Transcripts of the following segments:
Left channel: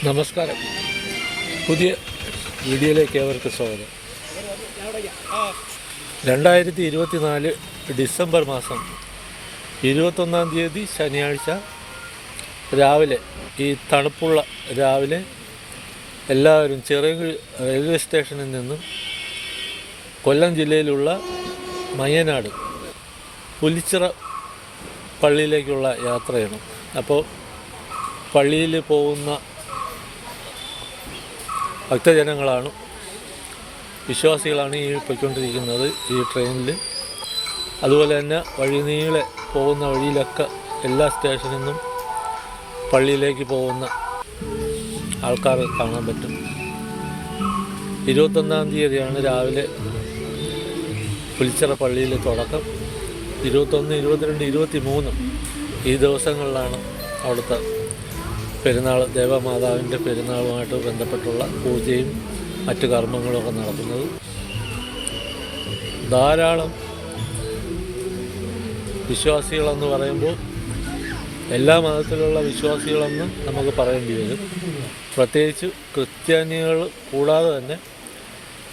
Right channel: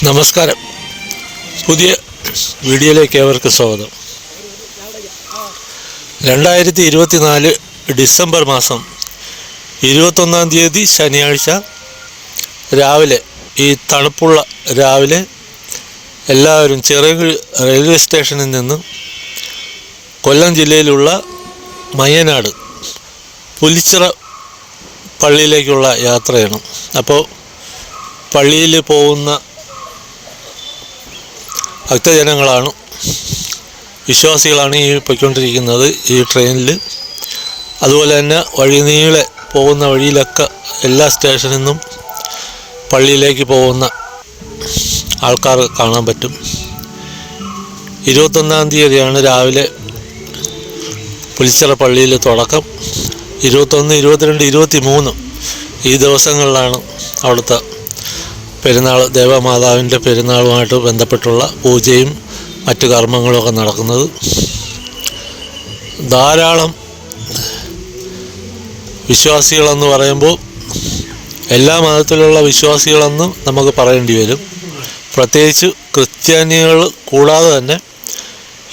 നമസ്കാരം. പുതിയ വീഡിയോയിലേക്ക് ഏവർക്ക് സ്വാഗതം. രണ്ടായിരത്തി ഇരുപത്തിനാല് ഡിസംബർ മാസം ഇരുപത്തൊന്നാം തീയതി ശനിയാഴ്ച രാവിലെ ഈ തണുപ്പുള്ള രാവിലെ എല്ലാവരും ചിറകിൽ റെയിൽവേ സ്റ്റേഷനിൽ നിന്ന് കൊല്ലം ജില്ലയിലുള്ള മയ്യനാട് പുലിച്ചിറ പള്ളിയിലേക്കുള്ള യാത്രയാണ്. അപ്പോൾ പള്ളിയിൽ പോകുന്ന ഭക്തജനങ്ങളാണ്. വിശ്വാസികളാണ് ഈ പൊയ്ക്കൊണ്ടിരിക്കുന്നത് ഈ ട്രെയിനിൽ. അതുപോലെ തന്നെ വഴി നീളെ പോകുന്ന വഴിയിലൊക്കെ എല്ലാ സ്റ്റേഷനിൽ നിന്നും പള്ളിയിലേക്ക് പോകുന്ന ആൾക്കാർ കാണാൻ പറ്റും. ഇരുപത്തൊന്നാം തീയതിയാണ് രാവിലെ പുലിച്ചിറ പള്ളിയിൽ തുടക്കം. ഇരുപത്തൊന്ന് ഇരുപത്തിരണ്ട് ഇരുപത്തി മൂന്ന് ഈ ദിവസങ്ങളിലാണ് അവിടുത്തെ പെരുന്നാൾ ദേവമാതാവിന്റെ പെരുന്നാളുമായിട്ട് ബന്ധപ്പെട്ടുള്ള പൂജയും മറ്റു കർമ്മങ്ങളുമൊക്കെ നടക്കുന്നത്. ധാരാളം വിശ്വാസികളെന്ന് പറയുമ്പോൾ എല്ലാ മതത്തിലുള്ള വിശ്വാസികളെന്നും നമുക്ക് പറയേണ്ടി വരും. പ്രത്യേകിച്ച് ക്രിസ്ത്യാനികൾ കൂടാതെ തന്നെ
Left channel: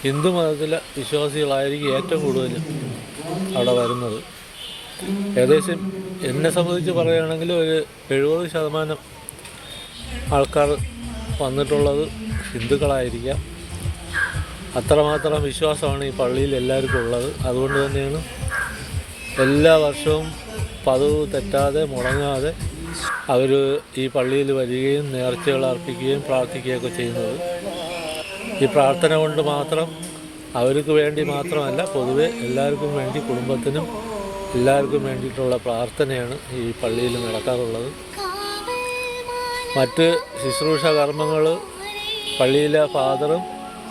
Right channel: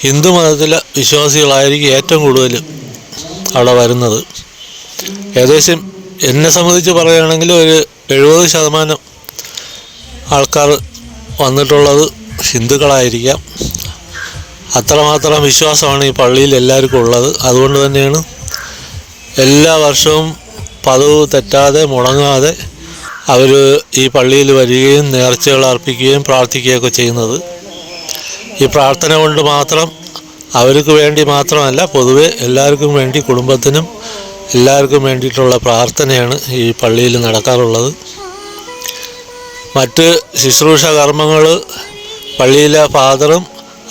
ഹിന്ദു മതത്തിലെ വിശ്വാസികളായിരിക്കും ഏറ്റവും കൂടുതൽ അവിടെ വരുന്നത്. ഏകദേശം എന്നെ സംബന്ധിച്ച് പറയുകയാണെങ്കിൽ ഒരു എഴുപത് ശതമാനം ആൾക്കാർ വന്നിട്ടുള്ളത് ഹിന്ദുക്കളായിരിക്കാം. അത്രമാത്രം വിശ്വാസമാണ് ഈ പള്ളിയിൽ എല്ലാവർക്കും ഉള്ളത്. അതുകൊണ്ട് തന്നെയാണ് എല്ലാ വർഷവും പതിവ് തെറ്റാതെ മുടങ്ങാതെ അവർ ഈ പള്ളിയിൽ വരികയും നേർച്ചകൾ അർപ്പിക്കുകയും പ്രാർത്ഥിക്കുകയൊക്കെ ചെയ്യുന്നത്. ഈ പ്രാർത്ഥന കൊണ്ട് മാത്രം അവർക്ക് വേണ്ടി മാത്രമല്ല പൊതുവെ എല്ലാവർക്കും വേണ്ടി കുടുംബത്തിനും എല്ലാവർക്കും വേണ്ടിയിട്ടുള്ള പ്രാർത്ഥനയാണ് ഈ പള്ളിയിൽ നടക്കാറുള്ളത്. മറ്റ് ശുശ്രൂഷ കർമ്മങ്ങൾ പള്ളിയിലെ ഫാദറും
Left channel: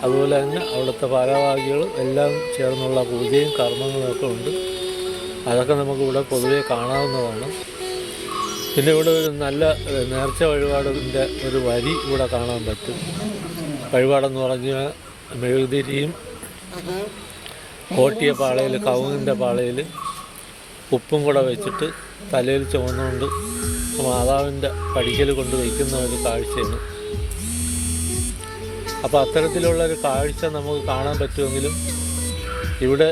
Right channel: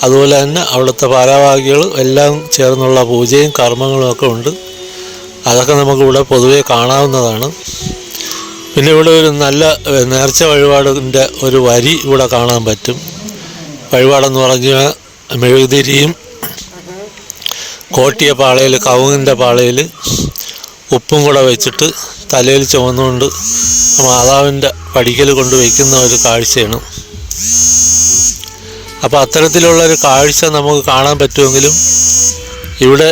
അതുപോലെ തന്നെ അവിടുത്തെ ഭാരവാഹികളും എല്ലാം ചേർന്നുള്ള പൂജയും കർമ്മങ്ങളും ഒക്കെ ഉണ്ട്. അതൊക്കെ നമുക്കിവിടെ പൊതുവെ കാണാവുന്നതാണ്. പിന്നെ ഇവിടെ ഒരു നല്ല നേർച്ച വഴിപാടിന്റെ ഒരു വരി ഇവിടെ കാണാൻ പറ്റും. വഴിപാടെന്ന് പറഞ്ഞാൽ മെഴുകുതിരിയും കോട്ടിയ പാളയിൽ കവുങ്ങിന്റെ പാളയിൽ ഉപ്പും കൂടെ വെച്ചിട്ട് തലയിൽ ചുമന്നുകൊണ്ട് മാതാവിന്റെ പടിക്കൽ കൊണ്ട് വയ്ക്കുന്ന ഒരു കാഴ്ചയാണ്. അപ്പോൾ അത്തരത്തിലുള്ള ഒരു കാഴ്ച നമുക്ക് കാണാൻ പറ്റുമെങ്കിലും ഇവിടെ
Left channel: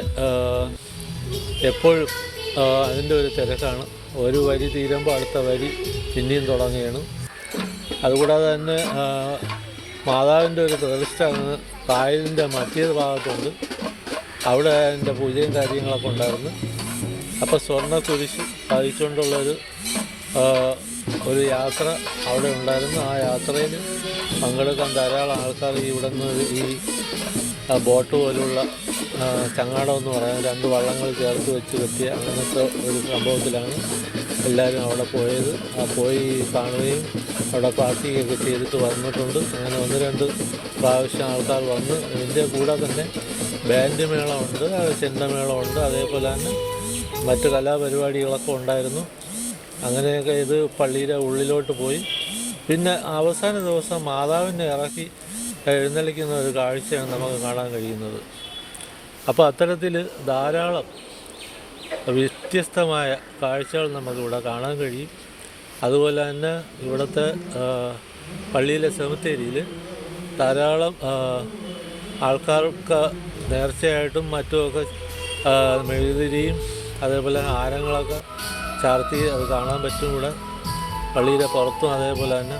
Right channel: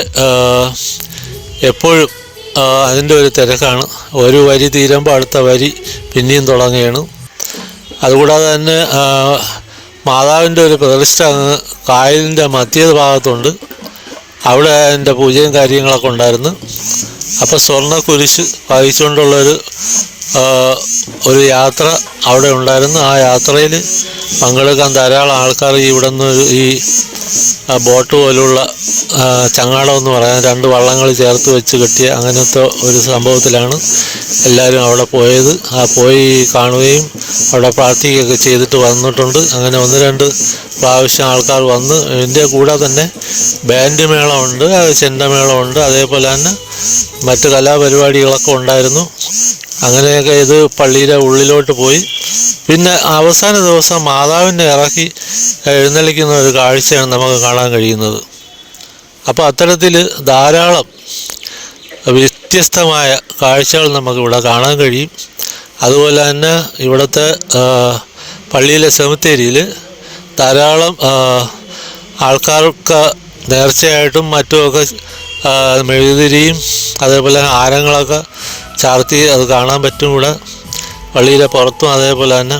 എപ്പോഴും അതിന്റെ ഒരു തിരക്കാണ്. ഒരു വരി തീരുമ്പോൾ അടുത്ത വരി പിന്നെയും തുടങ്ങുകയാണ്. അതുകൂടാതെ തന്നെ മാതാവിന്റെ ഒരു പ്രതിഷ്ഠ കായലിന്റെ മധ്യ ഭാഗത്തുണ്ട്. അവിടെ എന്റെ പൂജയും കാര്യങ്ങളൊക്കെ ഉണ്ടായിരുന്നു. അപ്പോൾ സ്വർണ കുരിശ് വഹിച്ചുകൊണ്ടുള്ളൊരു ഒരു യാത്ര അവിടെ ഉണ്ടായിരുന്നു. ആ യാത്രയിൽ പങ്കെടുക്കാൻ ധാരാളം ആൾക്കാർ ഇവിടെ നിന്ന് ഈ ബോട്ട് പോലുള്ള ചങ്ങാടം എന്ന് പറയാൻ രണ്ട് വള്ളങ്ങൾ ചേർത്ത് വെച്ച് കെട്ടിയ അങ്ങനത്തെ ഒരു സംഭവത്തിലാണ് എല്ലാവരും അവിടെ പോയത്. ആ പോയി കാണുകയും അവിടെ പ്രാർത്ഥിക്കുകയൊക്കെ ചെയ്തിട്ട് വന്നിട്ടുണ്ട്. അങ്ങനെ ഒന്ന് രണ്ട് പ്രാവശ്യം ആൾക്കാർ വന്ന് ഇതിന്റെ കൂടെ തന്നെ ബാൻഡ് മേളമുണ്ട് ചെണ്ടമേളമുണ്ട് അതേപോലെ തന്നെ മറ്റ് കലാപരിപാടികളൊക്കെ ഉണ്ടായിരുന്നു. അങ്ങനെയൊക്കെ ഇത് പള്ളിയുടെ ഉള്ളിലോട്ട് പോയി. പിന്നെ അവസാന ദിവസം മാതാവിനെ ഇറക്കി എഴുന്നള്ളിക്കുന്ന ഒരു കാഴ്ചയാണ് നമുക്ക് കാണാൻ കഴിയുന്നത്. അപ്പോൾ അത്തരത്തിൽ ധാരാളം വ്യത്യസ്തമായ കാഴ്ചകൾ നമുക്കിവിടെ കാണാൻ കഴിയും. അതുപോലെ തന്നെ ഇവിടുത്തെ പള്ളിയിലെ സെമിത്തേരിയിൽ ധാരാളം ആൾക്കാർക്ക് നേർച്ചയായിട്ടും മറ്റുമൊക്കെ മെഴുകുതിരിയും അതേപോലെ ആരങ്ങളൊക്കെ ചാർത്തി അത് കാണാൻ പറ്റും ഇവിടെ. പള്ളിയിലെ പുറത്തും അതേപോലെ തന്നെ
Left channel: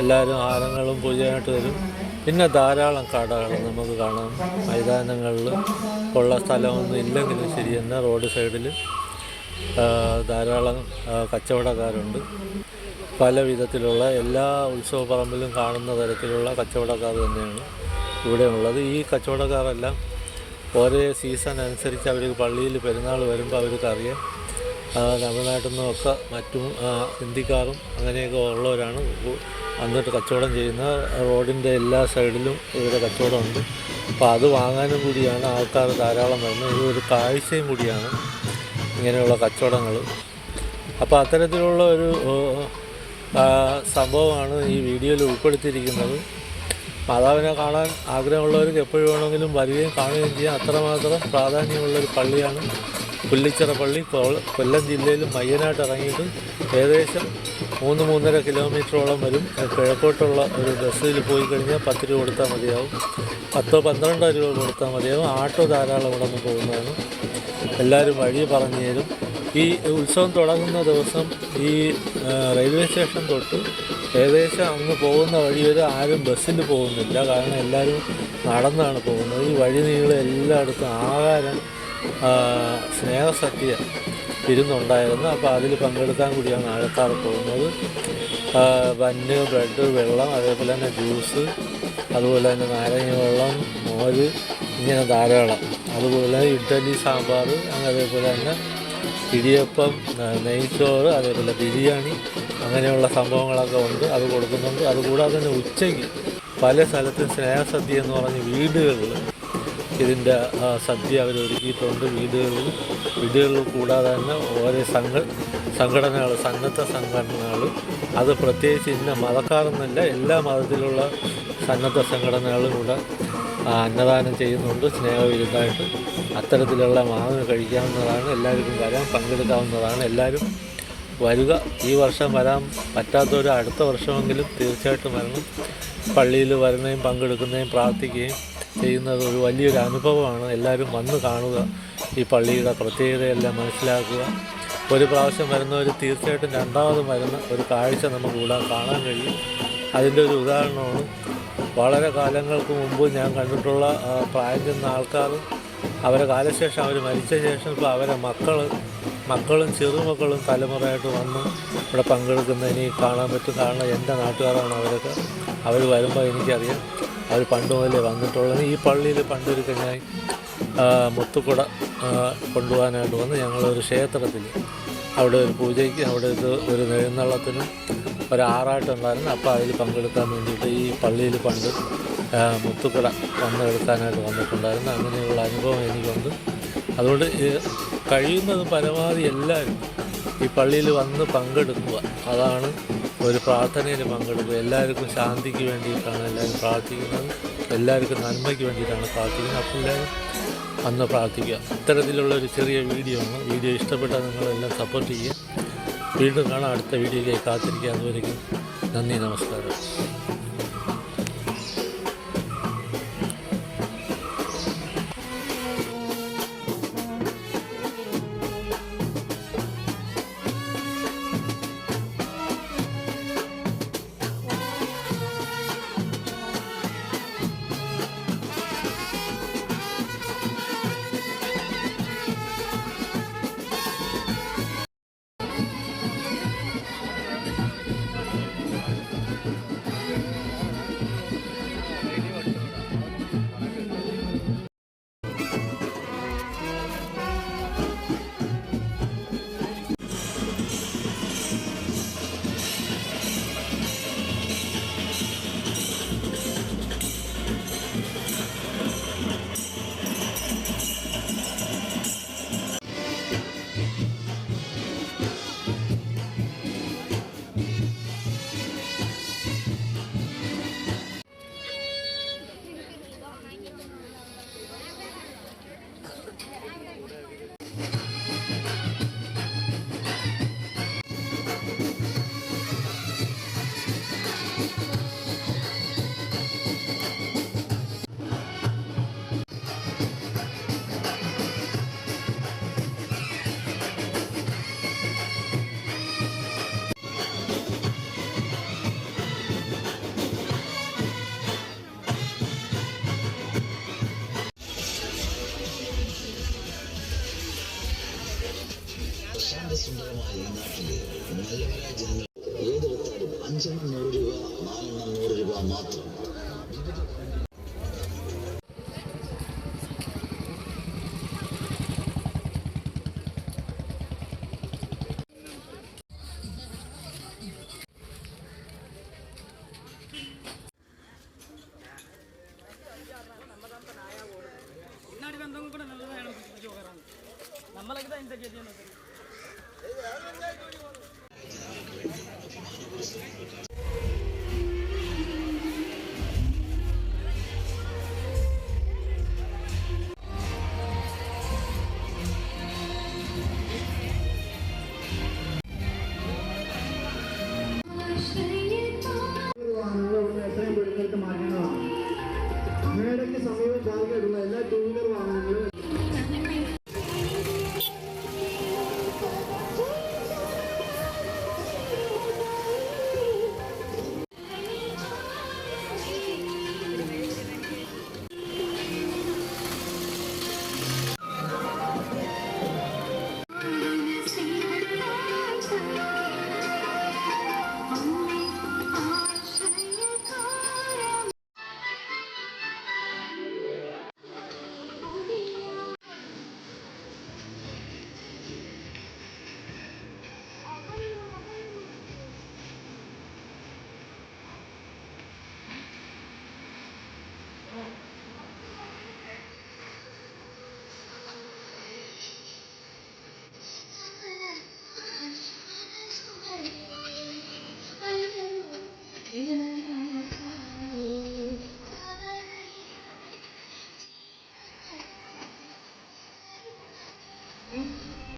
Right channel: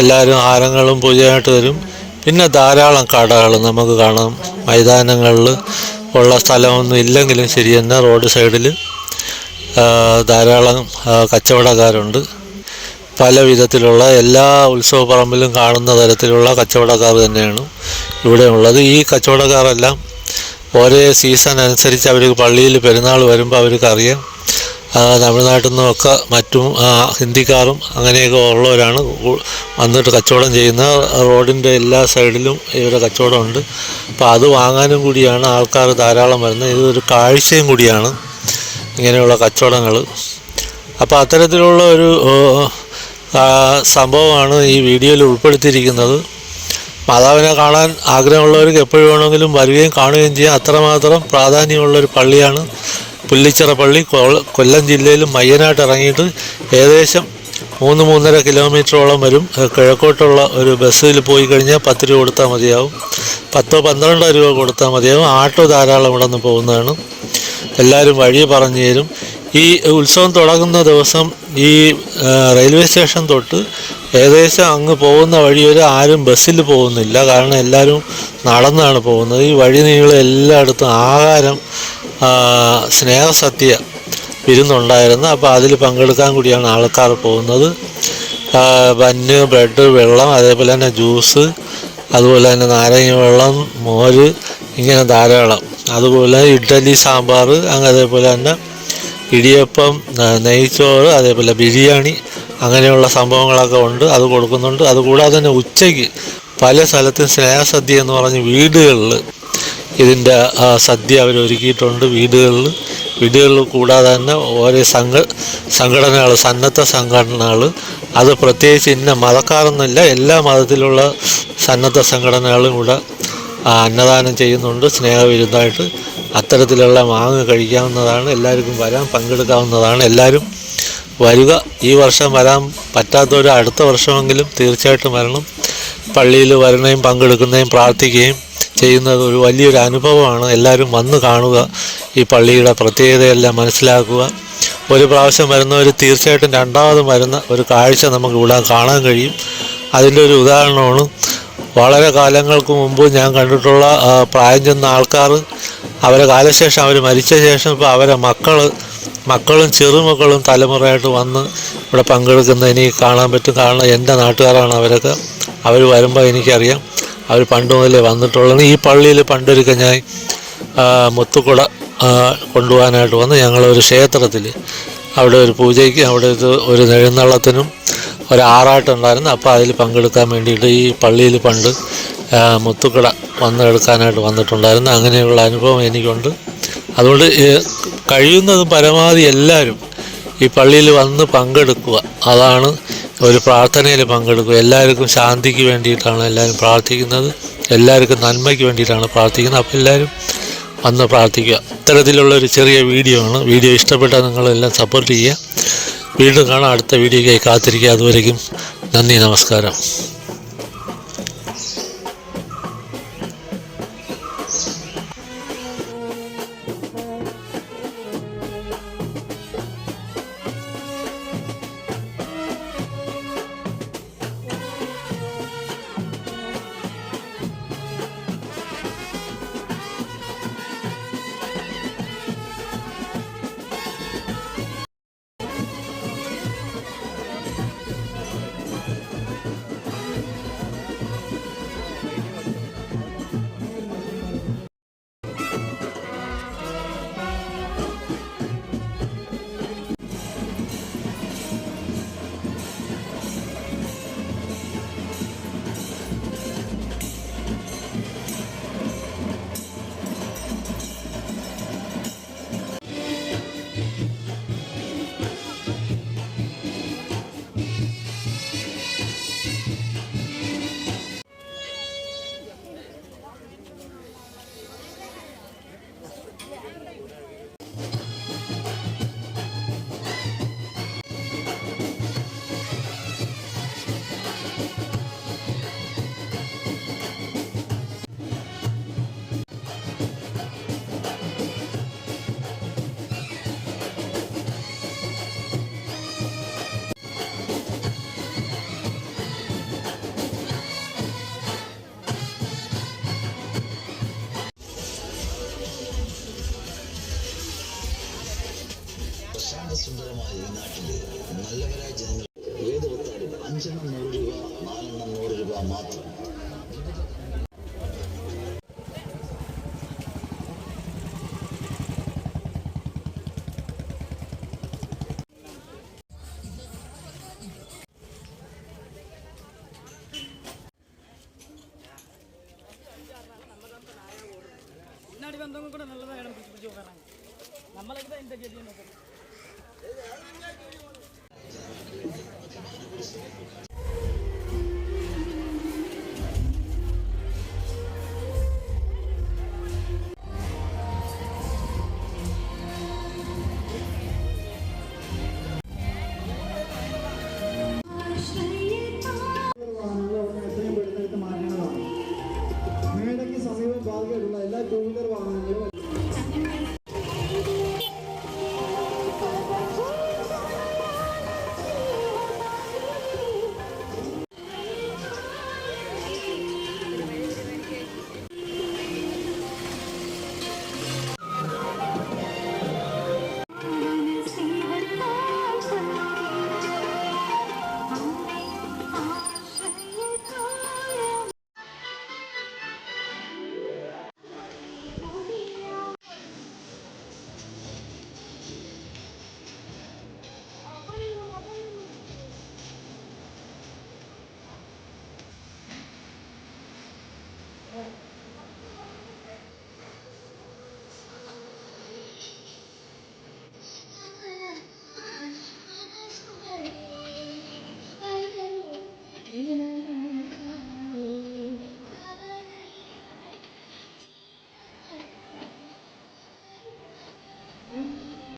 എല്ലാവരും ആരങ്ങളും പൂജയായിട്ട് വരും. പിന്നെ ധാരാളം കടകൾ നമുക്ക് കാണാം. മൈതാനങ്ങളിൽ ഉള്ള സ്ഥലമൊന്നും ഇല്ലെങ്കിലും ശരി തന്നെ റോഡ് സൈഡിൽ ധാരാളം കച്ചവടക്കാരുണ്ട്. പല വിധത്തിലുള്ള എല്ലാ ഉത്സവപ്പറമ്പിലും കാണുന്ന തരത്തിലുള്ള കച്ചവടക്കാർ തന്നെയാണ് ഇവിടെ ഉള്ളത്. ഈ കച്ചവടക്കാരെല്ലാം ഓരോ സീസൺ അനുസരിച്ച് അവർ പള്ളിയിൽ പെരുന്നാൾ വരുമ്പോൾ അവർക്ക് അറിയാം ആ, തമിഴ്നാട്ടിൽ നിന്നൊക്കെ മറ്റും ഹിന്ദിക്കാരും അങ്ങനെയൊക്കെ ഉള്ളവരാണ്. വന്നിട്ട് കച്ചവടം ചെയ്യുന്ന റോഡിന്റെ എല്ലാ സൈഡിലും ഇവരുടെ കച്ചവടമുണ്ട്. അപ്പോൾ അത് വാങ്ങാനും കൂടിയാണ് ആൾക്കാർ ധാരാളം വരുന്നത്. ഇതൊരു കാഴ്ചയും കൂടിയാണ് ഇങ്ങനെയുള്ള കച്ചവടങ്ങൾ. അപ്പോൾ അത്തരത്തിലുള്ള ഒരു സംഭവമാണ് ഈ വീഡിയോയിൽ ഉൾപ്പെടുത്തിയിരിക്കുന്നത്. മാതാവിനെ കാണാൻ ആഗ്രഹമുള്ളവർക്ക് എപ്പോഴും വേണമെങ്കിലും വരികയും കാണുകയും ചെയ്യാം. അത്രമാത്രം പ്രാധാന്യമുള്ളൊരു പള്ളിയാണ്. പുല്ലിച്ചിറ പള്ളി കൊല്ലം ജില്ലയിൽ മയ്യനാട്ട് ഇറങ്ങിയിട്ട് ഏകദേശം മൂന്ന് മൂന്നര കിലോമീറ്ററോളം വരും. കിഴക്കോട്ടുള്ള ഒരു ബസ്സിൽ പോയി കഴിഞ്ഞാൽ പത്ത് രൂപ കൊടുത്താൽ മതിയാവും. പത്തോ പന്ത്രണ്ടോ രൂപ കൊടുത്താൽ മതിയാവും. ആട്ടോ ധാരാളം ഇവിടെ നിന്ന് പോകുന്നതാണ്. എല്ലാവരും വഴി പറഞ്ഞു തരും. ഈ ഉത്സവം തുടങ്ങുന്ന ദിവസം ഈ റെയിൽവേ സ്റ്റേഷൻ തൊട്ട് ഏകദേശം അങ്ങ് പോകുന്ന വഴി വരെ ആരും ബസ്സിൽ പോകുന്നില്ല. കാരണം എല്ലാവരും നടന്നാണ് പോകുന്നത്. ഈ വഴി നീളം എല്ലായിടത്തും ആഹാരം ആ, സ്നേഹസദ്യ വിരുന്നുണ്ടായിരുന്നു അപ്പോൾ അതിൽ പങ്കെടുക്കാൻ കൂടിയാണ് ആൾക്കാർ പോകുന്നത്. ബന്ന് ബ്രെഡ് വെള്ളം അതേപോലെ തന്നെ ജ്യൂസ് അതുപോലെ തന്നെ നാരങ്ങ വെള്ളം മോര് ഇങ്ങനെ ധാരാളം. അതുപോലെ ഇഡ്ഡലി സാമ്പാർ അങ്ങനെ അതേപോലെ തന്നെ ഇടിയപ്പം നെയ്ച്ചോറ് അതേപോലെ ബിരിയാണി അങ്ങനെയുള്ള സംഭവങ്ങളൊക്കെ ഉണ്ട്. അത് കൊടുക്കുന്നുണ്ട്. അതുകൂടാതെ തന്നെ ഉച്ചയ്ക്ക് പല സ്ഥലത്തും സ്നേഹസദ്യ എന്ന് പറഞ്ഞ് വീടുകളിൽ ഇതിന്റെ സദ്യ അവർ ഒരുക്കിയിട്ടുണ്ട് വീടുകളിൽ. വീടുകളിൽ കൂടാതെ തന്നെ ഓരോ സംഘ സംഘടനകൾ സന്നദ്ധ സംഘടനകൾ. അത് പ്രത്യേകിച്ച് ഇന്ന മതക്കാരെന്നില്ല എല്ലാ മതത്തിലുള്ള സന്നദ്ധ സംഘടനകളും ഇവിടെ അന്നദാനം ചെയ്യുന്നുണ്ട്. സ്നേഹവിരുദ്ധമായിട്ട് അത്തരത്തിലുള്ള മാങ്ങ കഴിക്കാവുന്നതാണ്. എല്ലാവർക്കും വരാൻ പങ്കെടുക്കാവുന്നതാണ്. എല്ലാവരും വരിക. ഈ വർഷം വരാൻ പറ്റാത്തവർ അടുത്ത വർഷമെങ്കിലും തീർച്ചയായിട്ടും വരണം. പള്ളിയിൽ വരണേയും പങ്കെടുക്കുന്നതും പ്രാർത്ഥിക്കുകയും ചെയ്യുന്നത് ഒരു വലിയൊരു അനുഭവമാണ്. എല്ലാവരും വന്ന് കാണുക ഈ പള്ളിയുടെ പ്രത്യേകതയെല്ലാം മനസ്സിലാക്കുക. ഒരു പ്രാവശ്യം വരുന്നവർ തീർച്ചയായിട്ടും രണ്ടാമതും വരുന്ന ഒരു കാഴ്ച നമുക്ക് ഇവിടെ കാണാൻ കഴിയും. അതിന്റെ ഒരു ഉദാഹരണമാണ് വളരെ കാലങ്ങൾക്ക് മുമ്പ് ഞാൻ കണ്ടിട്ടുള്ള പ്രായം ചെന്ന ആൾക്കാർ അവരെ കാലശേഷം അവർ മരിച്ച ശേഷം ഇപ്പോൾ അവരെ മക്കൾ മക്കളും ചെറുമക്കളും തലമുറയായിട്ട് വന്ന് ഇവിടെ പങ്കെടുക്കുന്ന എനിക്ക് കാണാൻ പറ്റും. കാരണം എന്റെ നാട്ടുകാരാണ് അവരൊക്കെ. അവർ വരുമ്പോൾ എനിക്കറിയാം. അവർ പണ്ട് മുതലേ വന്നിട്ടുള്ളത്. ഈ പള്ളിയിൽ പണ്ടൊരിക്കൽ ഞാൻ മുത്തുകുട കൊണ്ടുപോകാനായിട്ട് വന്ന് ഞങ്ങളൊരു ക്ഷേത്രത്തിൽ അവിടെ ഒരു പൂജയ്ക്ക് അവിടെ ഒരു ഒരു നെഴുന്നള്ളത്തിനും ഒരു അപ്പോൾ അതിൽ പങ്കെടുക്കാൻ വേണ്ടിയിട്ട് ഈ പള്ളിയിൽ പണ്ട് മുത്തുക്കട വന്നെടുക്കാനായിട്ട് വന്നിട്ടുണ്ടായിരുന്നു. അങ്ങനെയുള്ള അനുഭവം എനിക്കുണ്ട്. അതുകൊണ്ട് കഴിയുന്നതും പരമാവധി എല്ലാവരും ഈ പള്ളിയിൽ വന്ന് പങ്കെടുക്കുക. അതാണ് ഒരു പ്രാർത്ഥനയിൽ പങ്കെടുക്കും എല്ലാവർക്കും ശാന്തിക്ക് വേണ്ടിയിട്ടാണ് എല്ലാവരും പ്രാർത്ഥിക്കുന്നത്. എല്ലാവർക്കും നന്മയ്ക്ക് വേണ്ടിയിട്ടാണ് പ്രാർത്ഥിക്കുന്നത്. അപ്പോൾ എല്ലാവരും വന്ന് പ്രാർത്ഥിക്കുക. ഇത്തരത്തിലുള്ള ഒരു ചെറിയ വീഡിയോ ആണ്. വീഡിയോ ഇഷ്ടപ്പെട്ടാൽ നിങ്ങളെല്ലാം സപ്പോർട്ട് ചെയ്യുക. വീണ്ടും കാണാം. അടുത്ത വീഡിയോയ്ക്കായി കാത്തിരിക്കുക. അതുവരേക്കും നന്ദി നമസ്കാരം. സുന്ദരമായ ഈ നാട്ടിലെ നല്ലവരായ ജനങ്ങൾ ഏതൊരുത്താലും അഞ്ചെണ്ണം നൂറ് രൂപ നാലെണ്ണം നൂറ് രൂപ മാത്രം പിന്നാടി ബന്ധം കൂടെ നല്ലതാണ് പിടിച്ചു പോകാനാണ് നമ്മളൊക്കെ എന്താ ചെയ്യുന്നത്